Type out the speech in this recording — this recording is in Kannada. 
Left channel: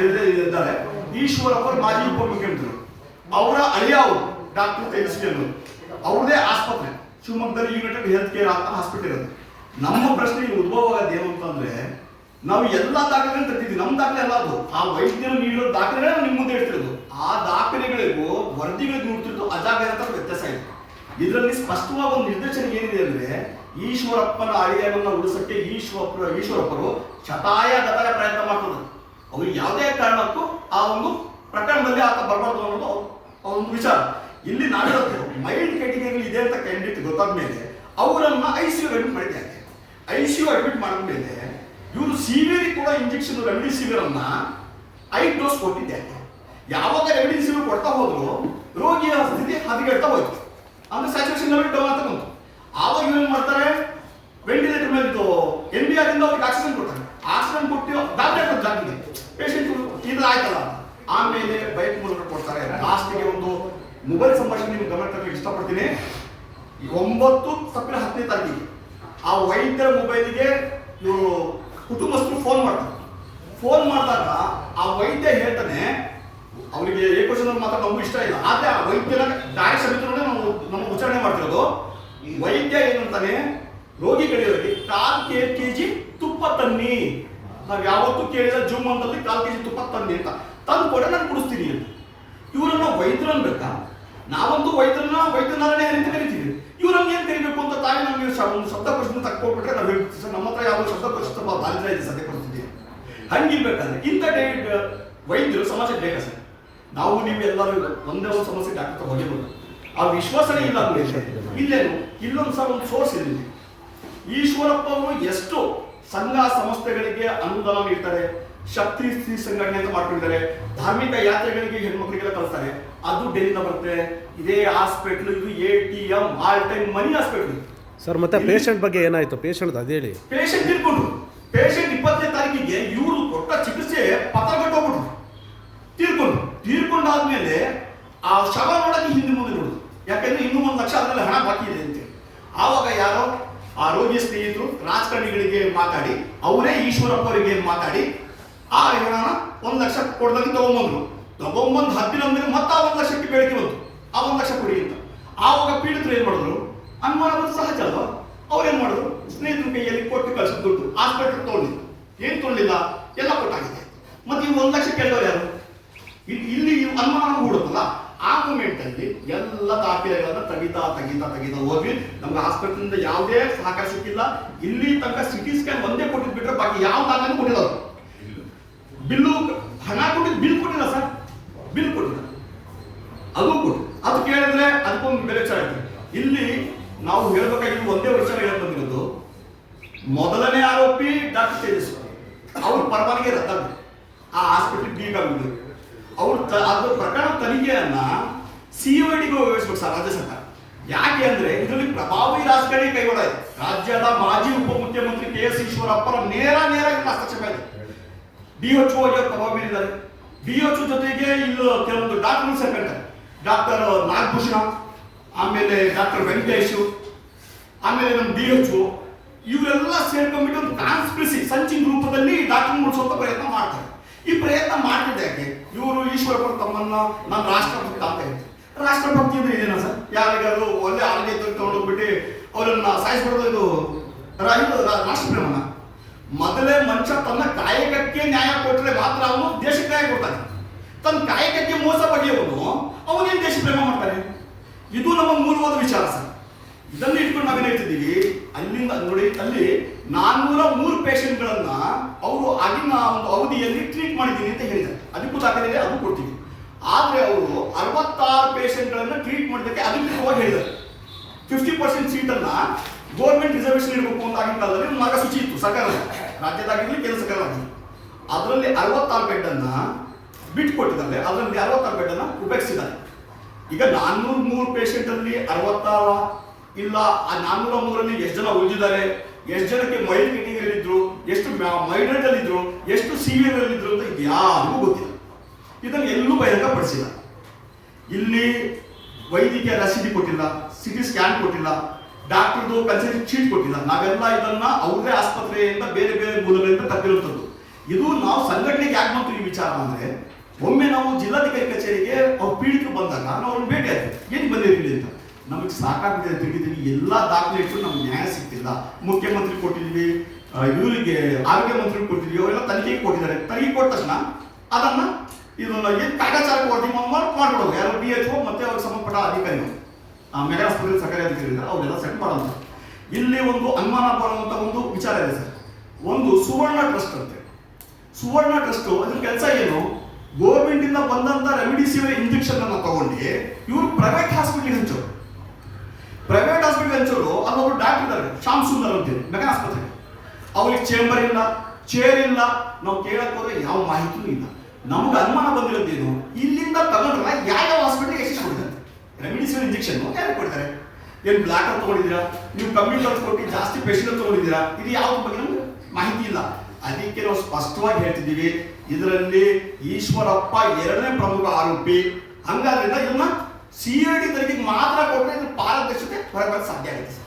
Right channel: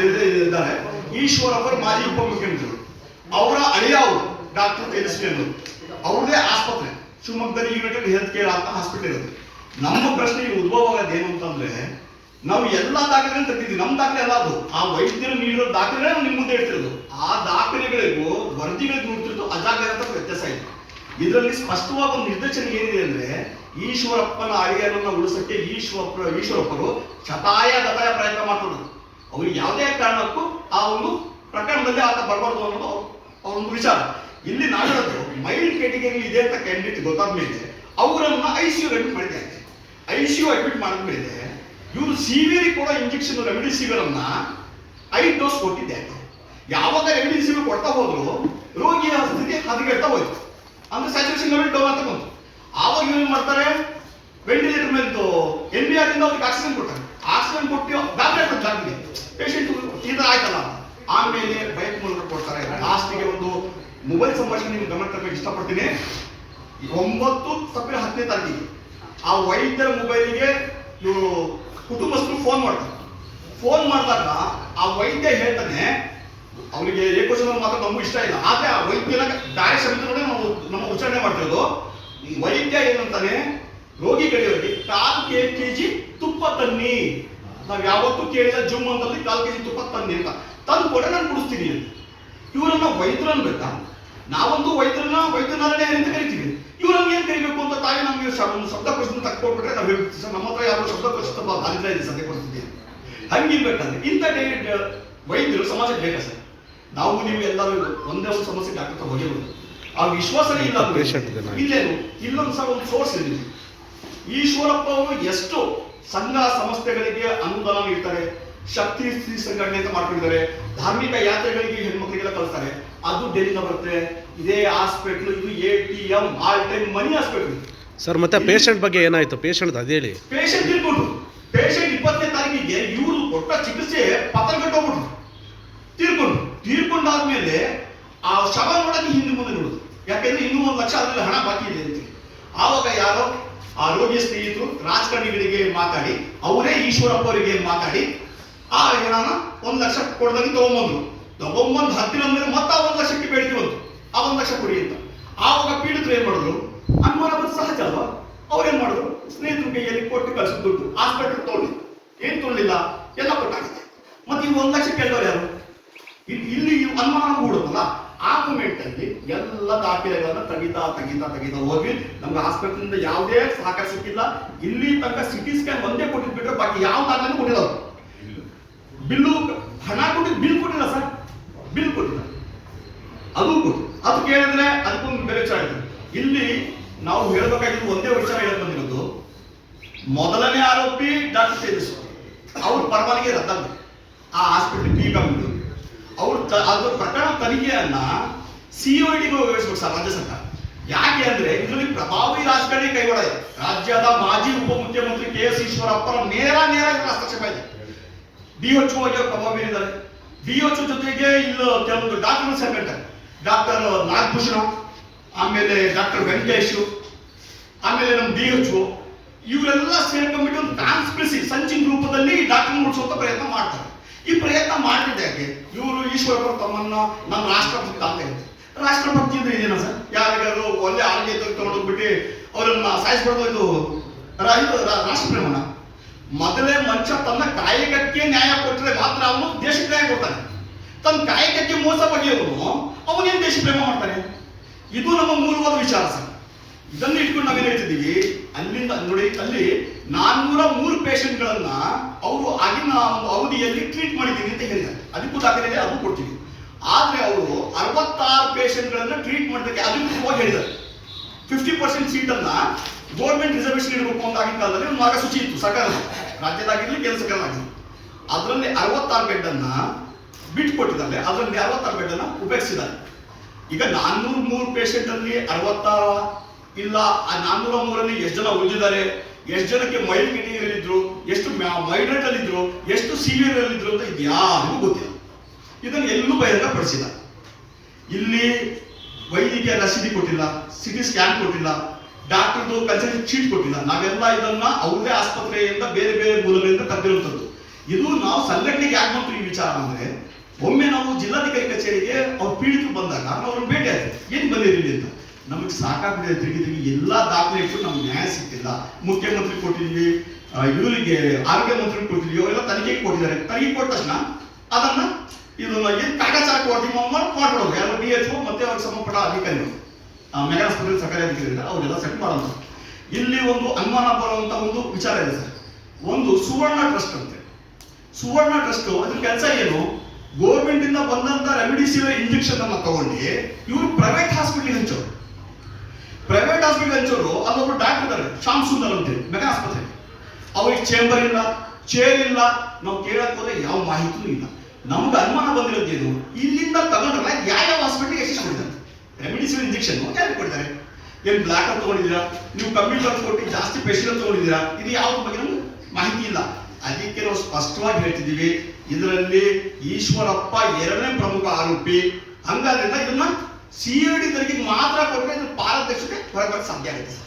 ಇದ್ದಾರೆ ಈಶ್ವರಪ್ಪ ಮಾಜಿ ಉಪಮುಖ್ಯಮಂತ್ರಿ. ಅವರ ಅಳಿಯ ಅವರು, ಡಾಕ್ಟರ್ ತೇಜಸ್ವಿ ಅವರು. ಅವ್ರದೇ ಆಸ್ಪತ್ರೆ. ಶಿವಮೊಗ್ಗದಲ್ಲಿ ಯುನೈಟೆಡ್ ಹೆಲ್ತ್ ಕೇರ್ ಅಂತ ಹಾಸ್ಪಿಟಲ್ ಇರೋದು. ನಮ್ಮ ಪ್ರಶ್ನೆ ಉದ್ಭವ ಆಗೋದು ಏನು ಅಂತಂದ್ರೆ, ನಾವು ಎಲ್ಲ ದಾಖಲೆಗಳನ್ನ ತೆಗೆದಿದ್ವಿ ನಮ್ಮ ದಾಖಲೆ ಎಲ್ಲ ಅದು. ಆ ವೈದ್ಯರು ನೀಡಿರೋ ದಾಖಲೆ ನಿಮ್ಮ ಮುಂದೆ ಇಡ್ತಿರೋದು ಆ ದಾಖಲೆಗಳಿಗೂ ವರದಿಗಳಿಗೂ ನೋಡ್ತಿರೋದು ಅಂತ ವ್ಯತ್ಯಾಸ ಇದೆ. ಇದರಲ್ಲಿ ಸ್ಪಷ್ಟವಾದ ಒಂದು ನಿರ್ದೇಶನ ಏನಿದೆ ಅಂದ್ರೆ, ಈಶ್ವರಪ್ಪನ ಅಳಿಯನ್ನು ಉಳಿಸಕ್ಕೆ ಈಶ್ವರಪ್ಪ, ಈಶ್ವರಪ್ಪರು ಶತಾಯ ಗತಾಯ ಪ್ರಯತ್ನ ಮಾಡ್ತಾರೆ ಅವ್ರು ಯಾವುದೇ ಕಾರಣಕ್ಕೂ ಆ ಒಂದು ಪ್ರಕರಣದಲ್ಲಿ ಆತ ಬರಬಾರ್ದು ಅನ್ನೋದು ಅವನೊಂದು ಒಂದು ವಿಚಾರ. ಇಲ್ಲಿ ನಾವಿರೋದು ಮೈಲ್ಡ್ ಕ್ಯಾಟಗರಿ ಇದೆ ಅಂತ ಕ್ಯಾಂಡಿಡೇಟ್ ಗೊತ್ತಾದ ಮೇಲೆ ಅವರನ್ನ ಐ ಸಿ ಯು ಅಡ್ಮಿಟ್ ಮಾಡಿದ್ದಾರೆ ಐ ಸಿ ಯು ಅಡ್ಮಿಟ್ ಮಾಡಿದ್ಮೇಲೆ ಇವರು ಸಿವಿಯರ್ ಕೂಡ ಇಂಜೆಕ್ಷನ್ ರೆಮಿಡಿಸಿವಿರ್ ಐದು ಡೋಸ್ ಕೊಟ್ಟಿದ್ದಾರೆ ಯಾವಾಗ ರೆಮಿಡಿಸಿವಿರ್ ಕೊಡ್ತಾ ಹೋದ್ರು ರೋಗಿಯ ಸ್ಥಿತಿ ಹದಗೆಡ್ತಾ ಹೋಯ್ತು. ಅಂದ್ರೆ ಸ್ಯಾಚುರೇಷನ್ ಲೆವೆಲ್ ಡೌನ್ ಅಂತ ಬಂತು. ಆವಾಗ ಇವ್ರು ಮಾಡ್ತಾರೆ? ವೆಂಟಿಲೇಟರ್ ಮೇಲೆ ಎನ್ ಬಿ ಆರ್ ಇಂದ ಅವ್ರಿಗೆ ಆಕ್ಸಿಜನ್ ಕೊಡ್ತಾರೆ. ಆಕ್ಸಿಜನ್ ಕೊಟ್ಟು ಗಾಬರಿ ಆಗ್ತದೆ ಜಾಗಕ್ಕೆ ಪೇಷಂಟ್ ಇದು ಆಯ್ತಲ್ಲ. ಆಮೇಲೆ ಬೈಕ್ ಮೂಲಕ ಕೊಡ್ತಾರೆ. ಲಾಸ್ಟಿಗೆ ಒಂದು ಮೊಬೈಲ್ ಸಂಭಾಷಣೆ ನಿಮ್ಗೆ ಗಮನ ತರಬೇಕು, ಇಷ್ಟಪಡ್ತೀನಿ. ಒಂಬತ್ತು ಸಪ್ರೆ ಹತ್ತನೇ ತಾರೀಕಿಗೆ ಆ ವೈದ್ಯರ ಮೊಬೈಲಿಗೆ ಇವರು ಕುಟುಂಬಸ್ಥರು ಫೋನ್ ಮಾಡ್ತಾರೆ. ಫೋನ್ ಮಾಡಿದಾಗ ಆ ವೈದ್ಯ ಹೇಳ್ತಾನೆ, ಅವರಿಗೆ ಏಕೋಶನ ಮಾತ್ರ ನಮಗೂ ಇಷ್ಟ ಇಲ್ಲ. ಆದ್ರೆ ಆ ವೈದ್ಯನ ಡೈರೆಕ್ಟ್ ಸಮಿತಿಗಳೇ ನಾವು ನಮ್ಮ ಉಚ್ಚಾರಣೆ ಮಾಡ್ತಿರೋದು. ವೈದ್ಯ ಏನಂತಾನೆ ರೋಗಿಗಳಿಗೆ ಕಾಲ್ ಕೆ ಜಿ ತುಪ್ಪ ತನ್ನಿ ನಾವ್ ಯಾವತ್ತೂ ಕೇಳಿದ ಜುಮ್ ಅಂತಲ್ಲಿ ಕಾಲ್ ಕೆಜಿ ತುಪ್ಪ ತನ್ನಿ ಅಂತ. ತಂದು ಕೊಡ ನಾನು ಕುಡಿಸ್ತೀನಿ ಅಂತ. ಇವರನ್ನ ವೈದ್ಯರು ಅನ್ಬೇಕಾ ನಾವಂತೂ ವೈದ್ಯರನ್ನ ವೈದ್ಯನಾರಾಯಣ ಅಂತ ಕರಿತೀವಿ. ಇವ್ರು ನಮ್ಗೆ ಏನ್ ಕರಿಬೇಕು ಅಂತ ತಾಯಿ ನಮ್ಗೆ ಒಂದು ಶಬ್ದಕೋಶನ ತಕ್ಕೊಟ್ಬಿಟ್ರೆ ನಾವು ಹೇಳ್ತೀವಿ. ಸರ್ ನಮ್ಮ ಹತ್ರ ಯಾವ ಶಬ್ದಕೋಶ ತುಂಬ ದಾರಿದ್ರ್ಯ ಇದೆ ಸದ್ಯ ಪರಿಸ್ಥಿತಿ ಹಂಗಿರ್ಬೇಕಂದ್ರೆ ಇಂಥ ಡೇ ವೈದ್ಯರು ಸಮಾಜಕ್ಕೆ ಬೇಕಾ ಸರ್. ನಾವು ನೀವು ಎಲ್ಲರೂ ಇಲ್ಲ. ಒಂದೇ ಒಂದು ಸಮಸ್ಯೆ ಡಾಕ್ಟರ್ ಹೋಗಿರೋದು. ಆ ವಿಶ್ವಾಸನೇ ಇಲ್ಲ. ಇಲ್ಲೇನು? ಇಲ್ಲೊಂದು ಸಹ ಒಂದು ಸೋರ್ಸ್ ಇದೆ ಈಶ್ವರಪ್ಪ ಅವರು ಎಷ್ಟು ಸಂಘ ಸಂಸ್ಥೆಗಳಿಗೆ ಅನುದಾನ ನೀಡ್ತಾರೆ ಶಕ್ತಿ ಸ್ತ್ರೀ ಸಂಘಟನೆ ಅಂತ ಮಾಡ್ಕೊಂಡಿದ್ದಾರೆ. ಧಾರ್ಮಿಕ ಯಾತ್ರೆಗಳಿಗೆ ಹೆಣ್ಮಕ್ಳಿಗೆಲ್ಲ ಕಳಿಸ್ತಾರೆ. ಅದು ಡೆಲ್ಲಿಂದ ಬರುತ್ತೆ. ಇದೇ ಹಾಸ್ಪಿಟ್ಲ್ ಇದು A T M all time money hospital. Sir ಮತ್ತೆ ಪೇಷಂಟ್ ಬಗ್ಗೆ ಏನಾಯ್ತು? ಪೇಷಂಟ್ ಅದೇ ಹೇಳಿ. ಪೇಷಂಟ್ ಇರ್ಬೋದು ಪೇಷಂಟ್ ಇಪ್ಪತ್ತನೇ ತಾರೀಕಿಗೆ ಇವರು ಕೊಟ್ಟ ಚಿಕಿತ್ಸೆ ಪತ್ರಗಟ್ಟು ಹೋಗ್ಬಿಟ್ರು. ತೀರ್ಕೊಂಡು ತೀರ್ಕೊಂಡಾದ್ಮೇಲೆ ಆ ಶವ ನೋಡಕ್ಕೆ ಹಿಂದೆ ಮುಂದೆ ನೋಡುದು ಯಾಕಂದ್ರೆ ಇನ್ನೂ ಒಂದು ಲಕ್ಷ ಅದ್ರಲ್ಲಿ ಹಣ ಬಾಕಿ ಇದೆ ಅಂತ ಆವಾಗ ಯಾರೋ ಆ ರೋಗಿಯ ಸ್ನೇಹಿತರು, ರಾಜಕಾರಣಿಗಳಿಗೆ ಮಾತಾಡಿ, ಅವರೇ ಈಶ್ವರಪ್ಪ ಅವರಿಗೆ ಮಾತಾಡಿ, ಆ ವಿಧಾನ ಒಂದು ಲಕ್ಷ ಕೊಡ್ದಂಗೆ ತಗೊಂಬಂದ್ರು. ತಗೊಂಬಂದು ಹತ್ತಿರ ಅಂದ್ರೆ ಮತ್ತೆ ಆ ಒಂದು ಲಕ್ಷಕ್ಕೆ ಬೇಡಿಕೆ ಬಂತು. ಆ ಒಂದು ಲಕ್ಷ ಕೊಡಿ ಅಂತ. ಆವಾಗ ಪೀಡಿತರು ಏನ್ ಮಾಡಿದ್ರು? ಅನುಮಾನ ಸಹಜ ಅಲ್ವಾ? ಅವ್ರೇನ್ ಮಾಡಿದ್ರು? ಸ್ನೇಹಿತರು ಕೈಯಲ್ಲಿ ಕೊಟ್ಟು ಕಳ್ಸಿ ಕೊಟ್ಟು ಆಸ್ಪತ್ರೆ ತೊಗೊಂಡಿದ್ರು ಏನ್ ತೊಗೊಂಡಿಲ್ಲ ಎಲ್ಲ ಕೊಟ್ಟಾಗಿದೆ. ಮತ್ತೆ ಈಗ ಒಂದು ಲಕ್ಷ ಕೆಲವರು ಯಾರು? ಇಲ್ಲಿ ಇಲ್ಲಿ ಅನುಮಾನ ಹೂಡುತ್ತಲ್ಲ ಆ ಮೂಮೆಂಟ್ ಅಲ್ಲಿ ಎಲ್ಲ ದಾಖಲೆಗಳನ್ನ ತೆಗಿತಾ ತೆಗಿತಾ ತೆಗಿತಾ ಹೋಗಿ ನಮ್ಗೆ ಆಸ್ಪತ್ರೆಯಿಂದ ಯಾವುದೇ ಸಹಕಾರ ಸಿಕ್ಕಿಲ್ಲ. ಇಲ್ಲಿ ತನಕ ಸಿಟಿ ಸ್ಕ್ಯಾನ್ ಒಂದೇ ಕೊಟ್ಟಿದ್ ಬಿಟ್ರೆ ಬಾಕಿ ಯಾವ ದಾಖಲೆ ಕೊಟ್ಟಿಲ್ಲ ಬಿಲ್ ಬಿಲ್ಲು ಹಣ ಕೊಟ್ಟಿದ್ದು ಬಿಲ್ ಕೊಟ್ಟಿಲ್ಲ ಸರ್. ಬಿಲ್ ಕೊಟ್ಟಿಲ್ಲ. ಅದು ಅದು ಕೇಳಿದ್ರೆ ಅದಕ್ಕೊಂದು ಬೆಲೆ ಚಾಯ್ತು ಇಲ್ಲಿ ನಾವು ಹೇಳ್ಬೇಕಾಗಿದ್ದು ಒಂದೇ ವರ್ಷ ಹೇಳಿ ಬಂದಿರೋದು. ಮೊದಲನೇ ಆರೋಪಿ ಡಾಕ್ಟರ್ ತೇಜಸ್ವಿ. ಅವ್ರ ಪರವಾನಗಿ ರದ್ದಾಗ್ತದೆ ಆ ಹಾಸ್ಪಿಟಲ್ ಬಿ ಬಂದು ಅವ್ರು ಅದು ಪ್ರಕರಣ ತನಿಖೆಯನ್ನ ಸಿಒಡಿಗೂ ವಹಿಸ್ಬೇಕು ಸರ್, ರಾಜ್ಯ ಸರ್ಕಾರ. ಯಾಕೆ ಅಂದ್ರೆ ಇದರಲ್ಲಿ ಪ್ರಭಾವಿ ರಾಜಕಾರಣಿ ಇದೆ. ರಾಜ್ಯದ ಮಾಜಿ ಉಪಮುಖ್ಯಮಂತ್ರಿ ಕೆ ಎಸ್ ಈಶ್ವರಪ್ಪರ ನೇರ ನೇರ ಹಸ್ತಕ್ಷೇಪ ಇದೆ. ಡಿ ಎಚ್ ಆಗಿ ಅವ್ರು ಪ್ರಭಾವಿ ಎಚ್ ಜೊತೆಗೆ ಇಲ್ಲಿ ಕೆಲವೊಂದು ಡಾಕ್ಯುಮೆಂಟ್ಸ್ ಸೇರ್ಕೊಂತಾರೆ ಡಾಕ್ಟರ್ ನಾಗಭೂಷಣ, ಆಮೇಲೆ ಡಾಕ್ಟರ್ ವೆಂಕಟೇಶ್, ಆಮೇಲೆ ನಮ್ಮ ಡಿ ಎಚ್ ಇವರೆಲ್ಲ ಸೇರ್ಕೊಂಡ್ಬಿಟ್ಟು ಒಂದು ಕಾನ್ಸ್ಪಿರಸಿ ಸಂಚಿನ ರೂಪದಲ್ಲಿ ಡಾಕ್ಯುಮೆಂಟ್ ಮುಡಿಸುವಂತ ಪ್ರಯತ್ನ ಮಾಡ್ತಾರೆ. ಈ ಪ್ರಯತ್ನ ಮಾಡ್ತಿದ್ದೆ ಯಾಕೆ? ಇವರು ಈಶ್ವರಪ್ಪ ತಮ್ಮನ್ನ ನಮ್ಮ ರಾಷ್ಟ್ರಭಕ್ತ ಅಂತ ಹೇಳ್ತಾರೆ. ರಾಷ್ಟ್ರಭಕ್ತಿ ಅಂದ್ರೆ ಇದೇನಾ ಸರ್? ಯಾರಿಗಾದ್ರು ಒಳ್ಳೆ ಆಳ್ಗೆ ತಗೊಂಡೋಗ್ಬಿಟ್ಟು ಅವರನ್ನ ಸಾಯಿಸ್ಬಿಡೋದು ಇದು ರಾಷ್ಟ್ರಪ್ರೇಮನ? ಮೊದಲೇ ಮನುಷ್ಯ ತನ್ನ ಕಾಯಕಕ್ಕೆ ನ್ಯಾಯ ಕೊಟ್ಟರೆ ಮಾತ್ರ ಅವನು ದೇಶಕ್ಕೆ ನ್ಯಾಯ ಕೊಡ್ತಾನೆ. ತನ್ನ ಕಾಯಕಕ್ಕೆ ಮೋಸ ಬಗೆಯವನು ಅವನೇನು ದೇಶ ಪ್ರೇಮ ಮಾಡ್ತಾನೆ? ಇದು ನಮ್ಮ ಮೂಲವಾದ ವಿಚಾರ ಸರ್. ಇದನ್ನು ಇಟ್ಕೊಂಡು ನಾವೇನು ಹೇಳ್ತಿದ್ದೀವಿ? ಅಲ್ಲಿಂದ ನೋಡಿ, ಅಲ್ಲಿ ನಾನ್ನೂರ ಮೂರು ಪೇಷಂಟ್ಗಳನ್ನ ಅವರು ಆಗಿನ ಒಂದು ಅವಧಿಯಲ್ಲಿ ಟ್ರೀಟ್ ಮಾಡಿದ್ದೀನಿ ಅಂತ ಹೇಳಿದ್ದಾರೆ. ಅದಕ್ಕೂ ದಾಖಲೆ ಅದು ಕೊಡ್ತೀವಿ. ಆದ್ರೆ ಅವರು ಅರವತ್ತಾರು ಪೇಷಂಟ್ಗಳನ್ನ ಟ್ರೀಟ್ ಮಾಡಬೇಕು ಅದಕ್ಕೆ ಹೋಗಿ ಹೇಳಿದ್ದಾರೆ. ಫಿಫ್ಟಿ ಪರ್ಸೆಂಟ್ ಸೀಟನ್ನ ಗೌರ್ಮೆಂಟ್ ರಿಸರ್ವೇಶನ್ ಇಡಬೇಕು ಅಂತ ಆಗಿನ ಕಾಲದಲ್ಲಿ ಮಾರ್ಗಸೂಚಿ ಇತ್ತು, ಸರ್ಕಾರದ. ರಾಜ್ಯದಾಗಿರ್ಲಿ, ಕೇಂದ್ರ ಸರ್ಕಾರದಾಗಿರ್ಲಿ. ಅದರಲ್ಲಿ ಅರವತ್ತಾರು ಬೆಡ್ ಅನ್ನ ಬಿಟ್ಕೊಟ್ಟಿದ್ದಾರೆ. ಅದರಲ್ಲಿ ಅರವತ್ತಾರು ಬೆಡ್ ಅನ್ನ ಉಪಯೋಗಿಸಿದ್ದಾರೆ. ಈಗ ನಾನ್ನೂರ ಮೂರು ಪೇಷಂಟ್ ಅಲ್ಲಿ ಅರವತ್ತ ಇಲ್ಲ, ಆ ನಾನ್ನೂರ ಮೂರಲ್ಲಿ ಎಷ್ಟು ಜನ ಉಳಿದಿದ್ದಾರೆ? ಎಷ್ಟು ಜನಕ್ಕೆ ಮೈಲ್ಡ್ ಅಲ್ಲಿ ಇದ್ರು ಎಷ್ಟು ಮೈಡ್ರೇಟ್ ಅಲ್ಲಿ ಇದ್ರು ಎಷ್ಟು ಸಿವಿಯರ್ ಅಲ್ಲಿ ಇದ್ರು ಅಂತ ಇದು ಯಾರಿಗೂ ಗೊತ್ತಿಲ್ಲ. ಇದನ್ನು ಎಲ್ಲೂ ಬಹಿರಂಗ ಪಡಿಸಿಲ್ಲ ಇಲ್ಲಿ ವೈದ್ಯಕೀಯ ರಸೀದಿ ಕೊಟ್ಟಿಲ್ಲ ಸಿಟಿ ಸ್ಕ್ಯಾನ್ ಕೊಟ್ಟಿಲ್ಲ ಡಾಕ್ಟರ್ದು ಕನ್ಸಲ್ಟ್ ಶೀಟ್ ಕೊಟ್ಟಿಲ್ಲ. ನಾವೆಲ್ಲ ಇದನ್ನ ಅವ್ರದೇ ಆಸ್ಪತ್ರೆಯಿಂದ ಬೇರೆ ಬೇರೆ ಮೂಲಗಳಿಂದ ತಪ್ಪಿರುವಂಥದ್ದು. ಇದು ನಾವು ಸಂಘಟನೆಗೆ ಯಾಕೆ ಬಂತು ಈ ವಿಚಾರ ಅಂದ್ರೆ, ಒಮ್ಮೆ ನಾವು ಜಿಲ್ಲಾಧಿಕಾರಿ ಕಚೇರಿಗೆ ಅವ್ರು ಪೀಡಿತರು ಬಂದಾಗ ನಾವು ಅವ್ರನ್ನ ಭೇಟಿ ಆದ್ವಿ ಏನು ಬಂದಿರಲಿ ಅಂತ? ನಮಗೆ ಸಾಕಾಗ್ಬಿಟ್ಟಿದೆ ತಿಳಿದೀವಿ ಎಲ್ಲ ದಾಖಲೆ ಇಟ್ಟು ನಮ್ಗೆ ನ್ಯಾಯ ಸಿಕ್ಕಿಲ್ಲ. ಮುಖ್ಯಮಂತ್ರಿ ಕೊಟ್ಟಿದ್ವಿ ಇವರಿಗೆ ಆರೋಗ್ಯ ಮಂತ್ರಿ ಕೊಟ್ಟಿದ್ವಿ, ಅವರೆಲ್ಲ ತನಿಖೆಗೆ ಕೊಟ್ಟಿದ್ದಾರೆ. ತನಿಖೆ ಕೊಟ್ಟ ತಕ್ಷಣ ಅದನ್ನ ಇದನ್ನ ಏನು ಕಾಟಾಚಾರ ಕೊಡ್ತೀವಿ ಮಾಡಿ ಮಾಡ್ಬಿಡೋದು. ಯಾರು ಬಿ ಎಚ್ ಮತ್ತೆ ಅವ್ರಿಗೆ ಸಂಬಂಧಪಟ್ಟ ಅಧಿಕಾರಿಗಳು. ಆ ಮೆಗಾ ಸ್ಕೂಲ್ ಸರ್ಕಾರಿ ಅಧಿಕಾರಿಗಳು. ಅವರೆಲ್ಲ ಸೆಟ್ ಮಾಡೋದು. ಇಲ್ಲಿ ಒಂದು ಅನುಮಾನ ಬರುವಂತ ಒಂದು ವಿಚಾರ ಇದೆ ಸರ್. ಒಂದು ಸುವರ್ಣ ಟ್ರಸ್ಟ್ ಅಂತೆ. ಸುವರ್ಣ ಟ್ರಸ್ಟ್ ಅದ್ರ ಕೆಲಸ ಏನು? ಗೋರ್ಮೆಂಟ್ ಇಂದ ಬಂದಂತ ರೆಮಿಡಿಸಿವಿರ್ ಇಂಜೆಕ್ಷನ್ ಅನ್ನ ತಗೊಂಡು ಇವರು ಪ್ರೈವೇಟ್ ಹಾಸ್ಪಿಟಲ್ ಹಂಚೋರು. ಪ್ರೈವೇಟ್ ಹಾಸ್ಪಿಟಲ್ ಹಂಚೋರು ಅಲ್ಲೊಬ್ರು ಡಾಕ್ಟರ್ ಇದ್ದಾರೆ ಶಾಮ್ ಸುಂದರ್ ಅಂತೇಳಿ ಮೆಗಾ ಆಸ್ಪತ್ರೆ. ಅವ್ರಿಗೆ ಚೇಂಬರ್ ಇಲ್ಲ ಚೇರ್ ಇಲ್ಲ, ನಾವು ಕೇಳಕ್ ಹೋದ್ರೆ ಯಾವ ಮಾಹಿತಿನೂ ಇಲ್ಲ. ನಮ್ಗೆ ಅನುಮಾನ ಬಂದಿರೋದೇನು ಇಲ್ಲಿಂದ ತಗೊಂಡ್ರೆ ಯಾವ ಯಾವ ಹಾಸ್ಪಿಟಲ್ಗೆ ಎಷ್ಟು ಕೊಡ್ತಾರೆ? ರೆಮಿಡಿಸಿವಿರ್ ಇಂಜೆಕ್ಷನ್ ಯಾರು ಕೊಡ್ತಾರೆ? ಏನು ಬ್ಲಾಕ್ ತಗೊಂಡಿದ್ದೀರಾ? ನೀವು ಖರ್ಚು ಕೊಟ್ಟು ಜಾಸ್ತಿ ಪೇಷಂಟ್ ತಗೊಂಡಿದ್ದೀರಾ? ಇದು ಯಾವ ಬಗ್ಗೆ ನಮ್ಗೆ ಮಾಹಿತಿ ಇಲ್ಲ. ಅದಕ್ಕೆ ನಾವು ಸ್ಪಷ್ಟವಾಗಿ ಹೇಳ್ತಿದ್ದೀವಿ, ಇದರಲ್ಲಿ ಈಶ್ವರಪ್ಪ ಎರಡನೇ ಪ್ರಮುಖ ಆರೋಪಿ. ಹಂಗಾದ್ರಿಂದ ಇದನ್ನ ಸಿ ಐ ಡಿ ತನಿಖೆಗೆ ಮಾತ್ರ ಕೊಟ್ಟರೆ ಇದು ಪಾರದರ್ಶತೆ ಹೊರಬರಕ್ಕೆ ಸಾಧ್ಯ ಆಗುತ್ತೆ ಸರ್